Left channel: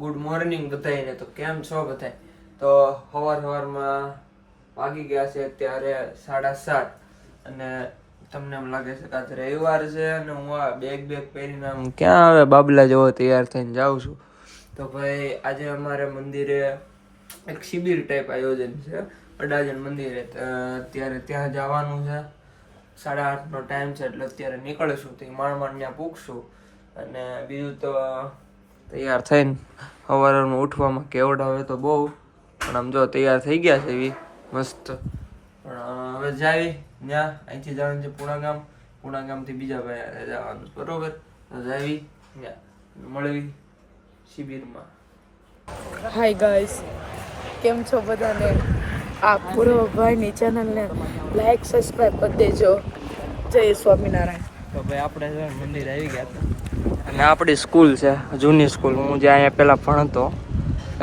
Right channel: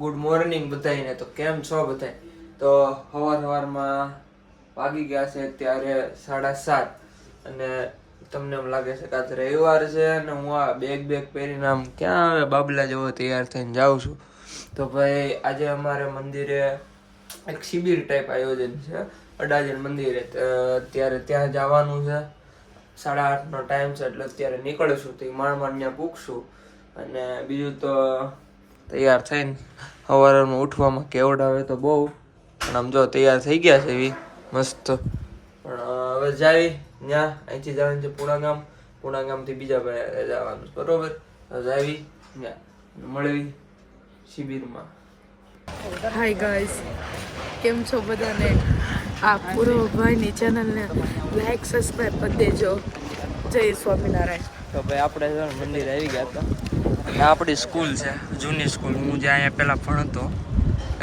Good morning બધાને. તો કેમ છો બધા? તો સવારમાં વાગી ગયા છે અત્યારે 7:30 અને તમને એમ લાગે છે કે આજ રવિવાર છે અને હું આ બેગ પહેરીને આમ ક્યાં આવે બાબલા જેવો તૈયાર થઈને જાઉં છું. તો ભાઈ આજે અમારે મંદિરે એક શિબિર ટાઈપ આયોજન છે અડાજણ મંદિરે. અત્યારે ત્યાં જવાનું છે. 8:30નો ટાઈમ છે એટલે અત્યારે નીકળશું. તો માંડ ત્યાં પૂગશું અને બીજું તો તૈયાર થઈને સવારમાં ઉઠવામાં કેવડાવે તો બહુ, પણ આમ જો તૈયાર થઈ ગયા છે એવી મસ્ત. પણ હવે જાય ત્યાં અહીંથી જવાનું છે પૂણા ગામથી બીજા ભાઈ જવાનું બરોબર. તો જાવી ત્યાં મળવી શિબિરમાં. હાય ગાઈસ, કેમ છો બધાને? આ પૂર્વભાઈની ચેનલને લાઈક સબસ્ક્રાઈબ કરી દેજો. જય સ્વામિનારાયણ. તો ભાઈ આપણે મંદિર આવી ગયા હતા. આપણી સ્કૂલ છે, જૂની સ્કૂલ. હું જે અહીંયા પહેલાં ભણતો,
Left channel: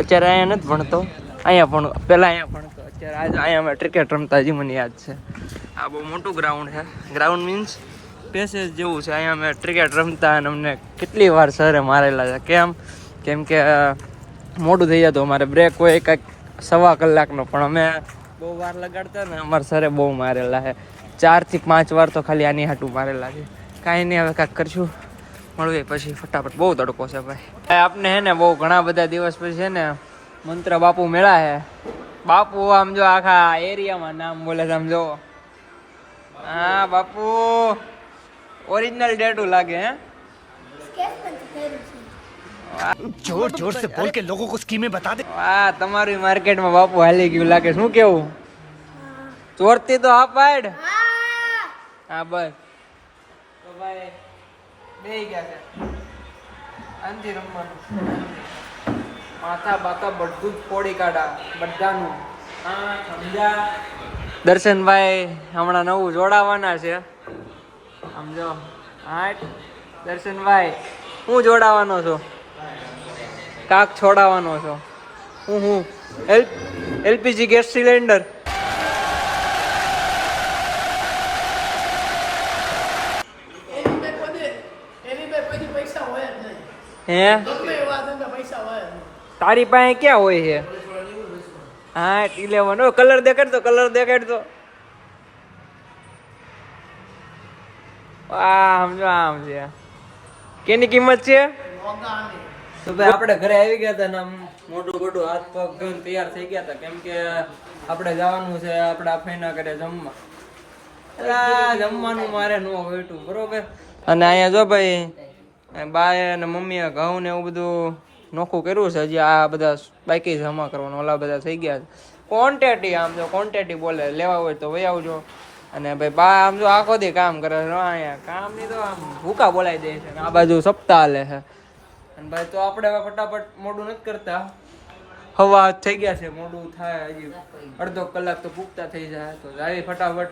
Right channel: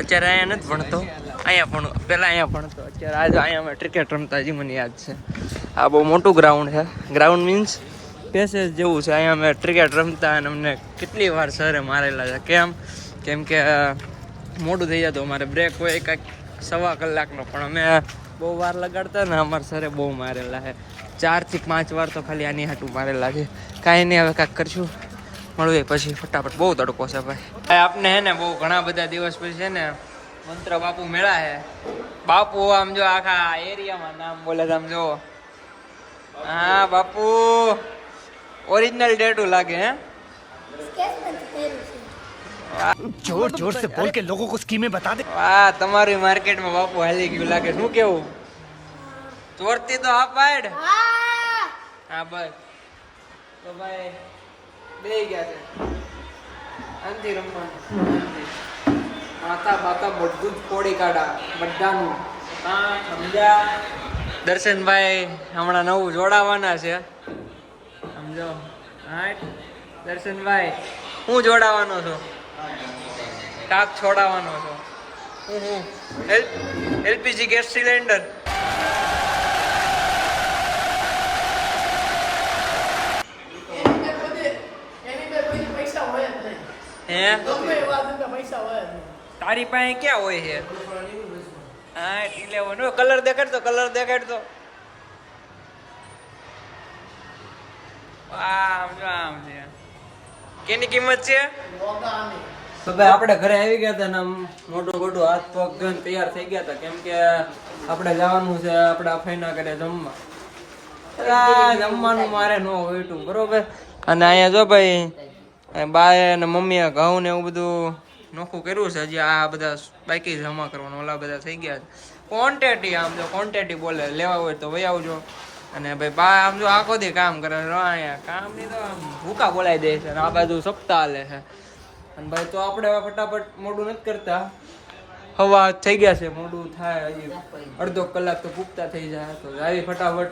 અત્યારે અહીંયા નથી ભણતો, પહેલાં અહીંયા ભણતો. અત્યારે આજે અહીંયા અમે ક્રિકેટ રમતા, હજી મને યાદ છે. આ બહુ મોટું ગ્રાઉન્ડ છે. ગ્રાઉન્ડ મીન્સ પેસેજ જેવું છે. અહીંયા અમે ક્રિકેટ રમતા અને અમને કેટલી વાર સરે મારેલા છે. કેમ કે મોડું થઈ જતું, અમારે બ્રેક હોય કાંઈક 1.25 કલાકનો, પણ અમે બહુ વાર લગાડતા ને અમારે સરે બહુ મારેલા છે. 4 થી 5 વાર તો ખાલી આની હાટું મારેલા છે. કાંઈ નહીં, હવે કાંઈક કરશું, મળીએ પછી ફટાફટ. બહુ તડકો છે ભાઈ. આપને હે ને બહુ ઘણા બધા દિવસ પછી છે ને મંત્ર બાપુ મેળા છે. બાપુ આમ જો આખા એરિયામાં નામ બોલે આમ જો. હા બાપુ ઓરિજિનલ ડેટુ લાગે. હે जोर जोर से बोल के लोगों को स्कीमें बता दे. વાહ, તમારી માર્કેટમાં બાપુ હાલી ગયું લાગે. શું કેવું? ચોરતી તો હા પાડ. હા બસ. તો ભાઈ બેહી ગયા છે. આનથી રમવાનું, આનથી માથા બાતા બધું જ ફોડી કાઢા બધાનું. હા સમજ્યા? દર્શનભાઈ હમણાં નવું જોડાવાના છે. સમજો. હા દર્શનભાઈ, હું જોડાવાનો છું? કાક છોડાવવાનો છો? હું એલપીજી ગેસ સિલિન્ડર. હે તારી પાસે ક્યાં હોય છે? હા ટી લેવાનો. કલર દેખાડતો, કલર દેખાડતો. આમ જો આમ છે. કેની કિંમત છે? તો ભાઈ આપણે ઘરે આવી ગયા હતા ને આમ મોટું હાથ પગ ધોઈને તૈયાર થઈ ગયા હતા. કેમ કે આપણે જવાનું છે આપણા ફઈના ઘરે જમવા. જમવાનું મારે ન હોયતું બરોબર. અને અહીંયા જો ભાઈ બાએ અને મમ્મીએ ઘઉં ને એવું બધું નોખું કર્યું છે. હજી આ બધા બાકી જમા કરવાનું, ઓલા બધા થઈ ગયા છે. ક્વોન્ટિટી આમ જો ક્વોન્ટિટી બોલે, લેવા હોય તો વહી આવજો. અને ભાઈ બા આમ જો આખો દી કામ કરે છે. અહીંયા કામ ની તો આમ ભૂકા બોલાવી દે છે. આ બાજુ સપ્તાહ હાલે છે. અને ભાઈ તો આપણે હવે ફટાફટ મોડું નથી કરતા. હવા થઈ ગયા છે, મોડું થાય હજી અડધો કલાક તો પૂગતા થઈ જાય. તો આવી ફટાફટ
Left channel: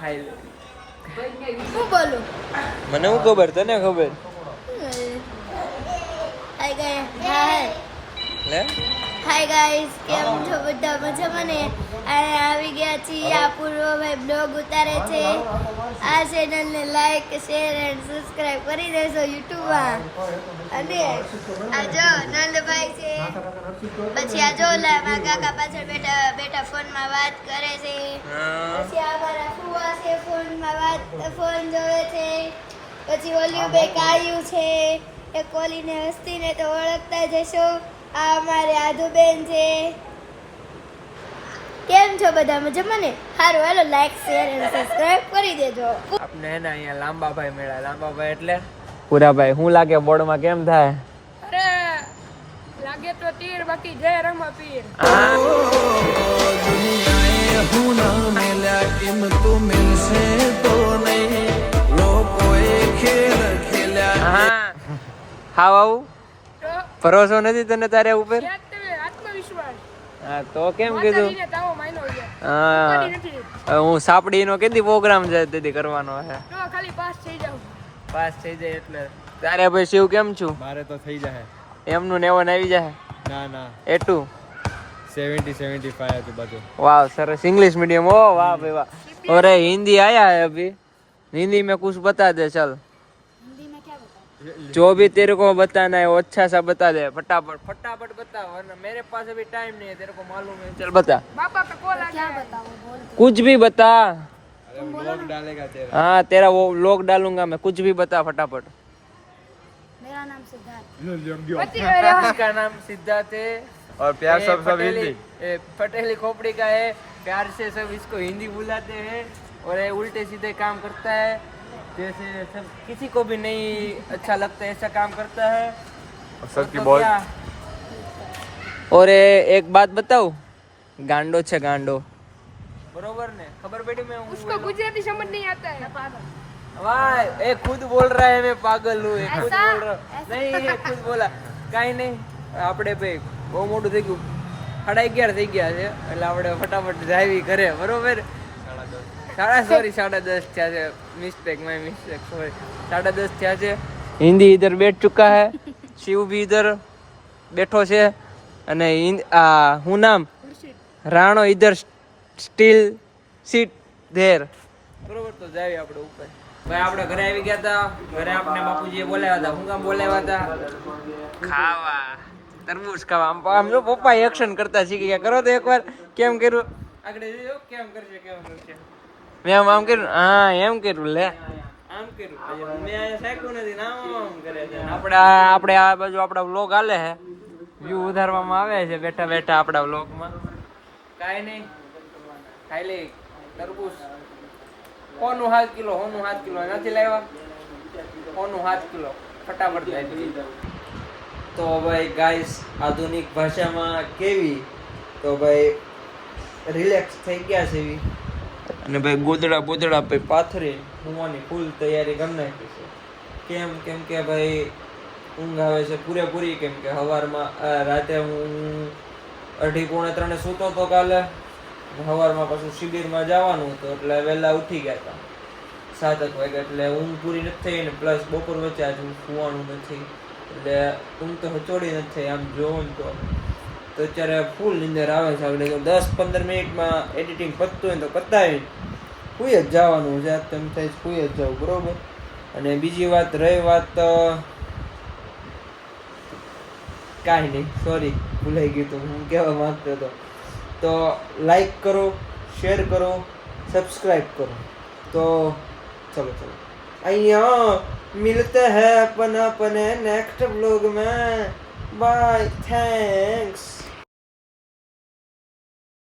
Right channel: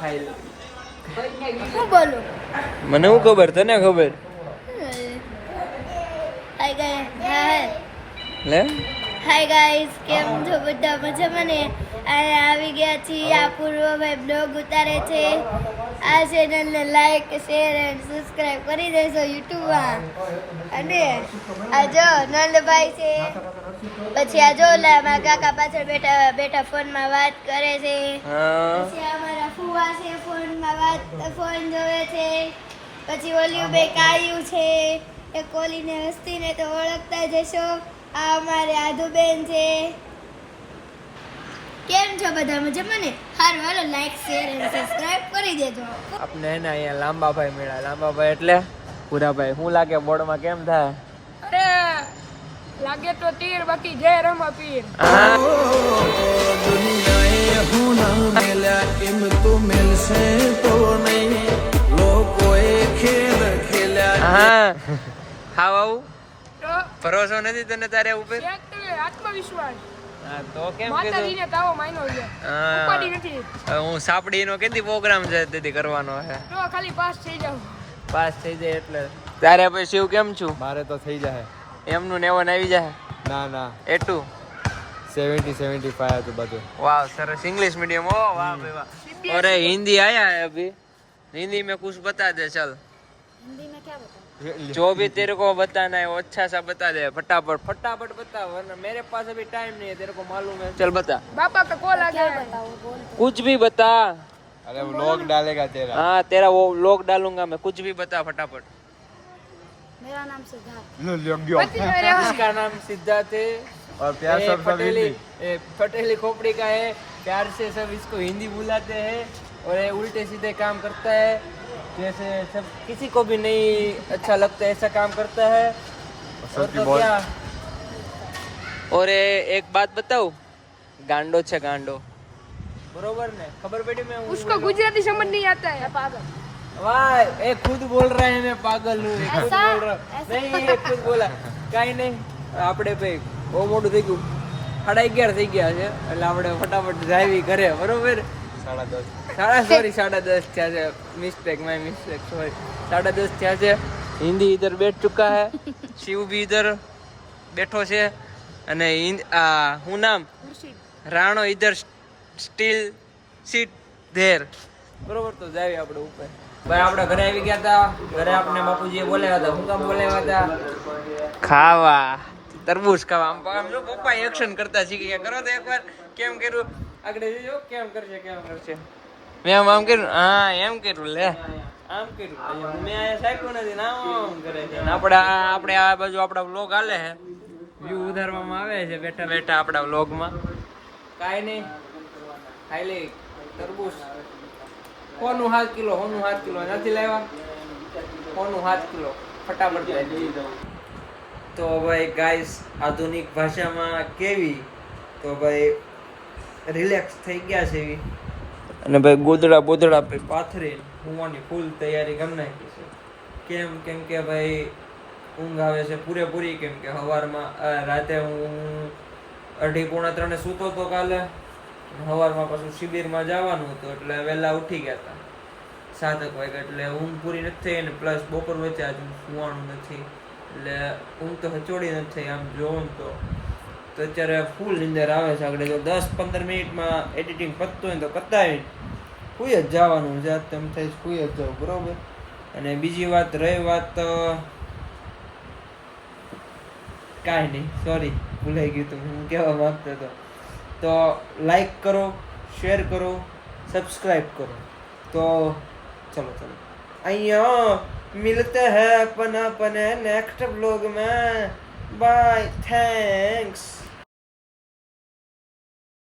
ખાઈ લે. હું બોલું? મને શું ખબર, તને ખબર? હાય ગાઈસ, હાય લે હાય ગાઈસ, કેમ છો બધા? મજામાં ને? આવી ગયા છીએ. આ પૂર્વભાઈ બ્લોગ ઉતારે છે. આ ચેનલને લાઈક શેર એન્ડ સબસ્ક્રાઇબ કરી દેજો યુટ્યુબમાં. અને આ જો નંદભાઈ છે, પછી આ જો મારા કાકા પાછળ બેઠા ફોનમાં વાત કરે છે. પછી આ મારા ફુવા છે, ફોન જોવે છે. પછી ઓલી બે કાયું છે, એ કોલીને હસ્તીને તો ઓળખતા જશો. આ અમારે આધુબેન છે. કેમ છો બધા? મજામાં ને? સારું, હાલો લાઈક શેર અને સબસ્ક્રાઇબ કરી દેજો. આપને હે ને અહીંયા લાંબાભાઈ મેળા. લાંબાભાઈ એટલે પૂરાભાઈ. શું લાગે બોર્ડમાં કેમ થાય? અરે લાગે તો તીર, બાકી જય રમા પીર. દુનિયાએ હું ના મેલ્યા એમ તો મેલશે તો નહીં. લોકોએ ખેલ ખેલ્યા. હા હાવ આવું ભરોસો નથી તને તારે ઉપર? આત્મવિશ્વાસ. હા તો કેમ કીધું? તાવો માયનો છે. હા ઉપાડી નથી. હું સાપડીનો કેટલી પ્રોગ્રામ છે તેથી કરવાનો છે. તો ખાલી પાસ થઈ જાવ. પાસ થઈ જાય એટલે. ત્યારે ભાઈ શિવ કેમ છું? મારે તો થઈ જાય. એમનું ને એવન આવી જાય. ના ના, એટલું 70-75 હતું બધું. वाह सरस इंग्लिश मीडियम. ओ वाह भाई वाह. अरे हिंदी आया है अभी, हिंदी में कुछ बता दे चल. हिंदी में क्या बताऊं? जो भी तेरे को बताना है वो अच्छा सा बता दे, फटाफट फटाफट बता, वरना मेरे पास अभी टाइम नहीं है, तेरे को मालूम है। चल बता, क्या बताऊँ बोल तो। कुछ भी बता। अरे व्लॉग डालेगा तेरा। हाँ तेरा वो लोग डालूंगा मैं, कुछ भी बता फटाफट। मेरा नाम सिद्धार्थ। इसका नाम सिद्धार्थ है और प्यार ये से सब पटेली खोपड़ी का है। प्यार से सब इसको हिंदी बुलाते हैं और ये उल्टे सीधे काम करता है, जैसे सब किसी को भी नहीं अच्छा लगता ऐसा काम करता है। और तो क्या, और ये एक बात बताऊं, गांडो छे गांडो, बरोबर ने खबर पड़ी? मैं उसको गुजराती समझ नहीं आता है। वाह, ये खुद बोल रहा है मैं पागल हूँ, ये खुद बोल रहा नहीं, ये खुद बोला કાઈ નહીં. આપણે ભાઈ બહુ મોટું થઈ ગયું, 11:30 થઈ ગયા છે એટલે આપણે ફટાફટ ડ્રાઇવિંગ કરે, બરોબર? 10:30 થયા છે, મિસ્ટેક માય મિસ્ટેક, સોરી, 10:30 થયા છે. હિન્દી ઇધર બેઠ ચુકા હે, શિવ બી ઇધર બેઠો છે અને હું નામ રાણો ઇધર સ્ટીલ સીટ ધેર, બરોબર? તો જાવી આપણે ઉપર. ભાઈ આપણે ઘરે આવી ગયા હતા, ઘરે આપણે બાપુજીએ બોલાવ્યા હતા. શું કામ બોલાવ્યા હતા? ખાવા, તરબૂચ ખાવા. આમ જો પપ્પા એક્શન કરતા શીખી ગયા, કરો તો એકવાર. કેમ કર્યું? આગળ જોજો કેમ કરશે, કેમ કરશે. મેં આમ કર્યું, હા એમ કર્યું, લે આમ કર્યું. મેં અહીંયા સાયકું નથી ને આમ કરે છે. આપણે આ બાજુ આપણા વ્લોગ હાલે છે, વ્યૂ ઉધારવામાં આવે છે બેઠા બેઠા આપણા વ્લોગમાં. કાંઈ નહીં, ખાઈ લઈ તરબૂચ. હોનું 7 કિલો, હોનું 7 કિલો નથી લાવ્યા, હોનું 7 કિલો ફટાફટ લાવી. તો ભાઈ ગાઈસ, આધુનિક ભાષામાં કેવી, તો ભાઈ રિલેક્સ થઈ ગયા છે એવી. અને ભાઈ ગોદડા બોદડા ભાઈ પાથરે હોવાની ફૂલ તૈયારી કરી નાખી છે. કેમ કે ભાઈ ઊંઘ આવે છે પૂરેપૂરી, કેમ કે સવારમાં રાતે હું 2:30-3 સૂતો હતો કાલે. સવારમાં પાછું શિબિરમાં જવાનું હતું એટલે વહેલા ઉઠી ગયા હતા 7 વાગે, એટલે ઊંઘ પૂરી નથી થઈ ને પ્લસ બપોર વચ્ચે આજે સુવાનું નથી એટલે ઊંઘ તો હચોડી નથી થઈ. આમ જોઉં તો અત્યારે ફૂલ નીંદર આવે છે. આગળ જો 10-15 મિનિટમાં એડિટિંગ પતતું હોય તો પતાવી સુઈ જ જવાનું છે. તેમ થાય સુઈ જ જાવ, બરોબર? અને બીજી વાત રહી વાત, કાંઈ નહીં, સોરી ભૂલાઈ ગયું હતું હું કહેવા માંગતો હતો. તો લાઈક કરો, શેર કરો, સબસ્ક્રાइब કરો. તો ચલો અહીંયા મિલતે હૈ अपन नेक्स्ट व्लॉग में. Bye, thanks.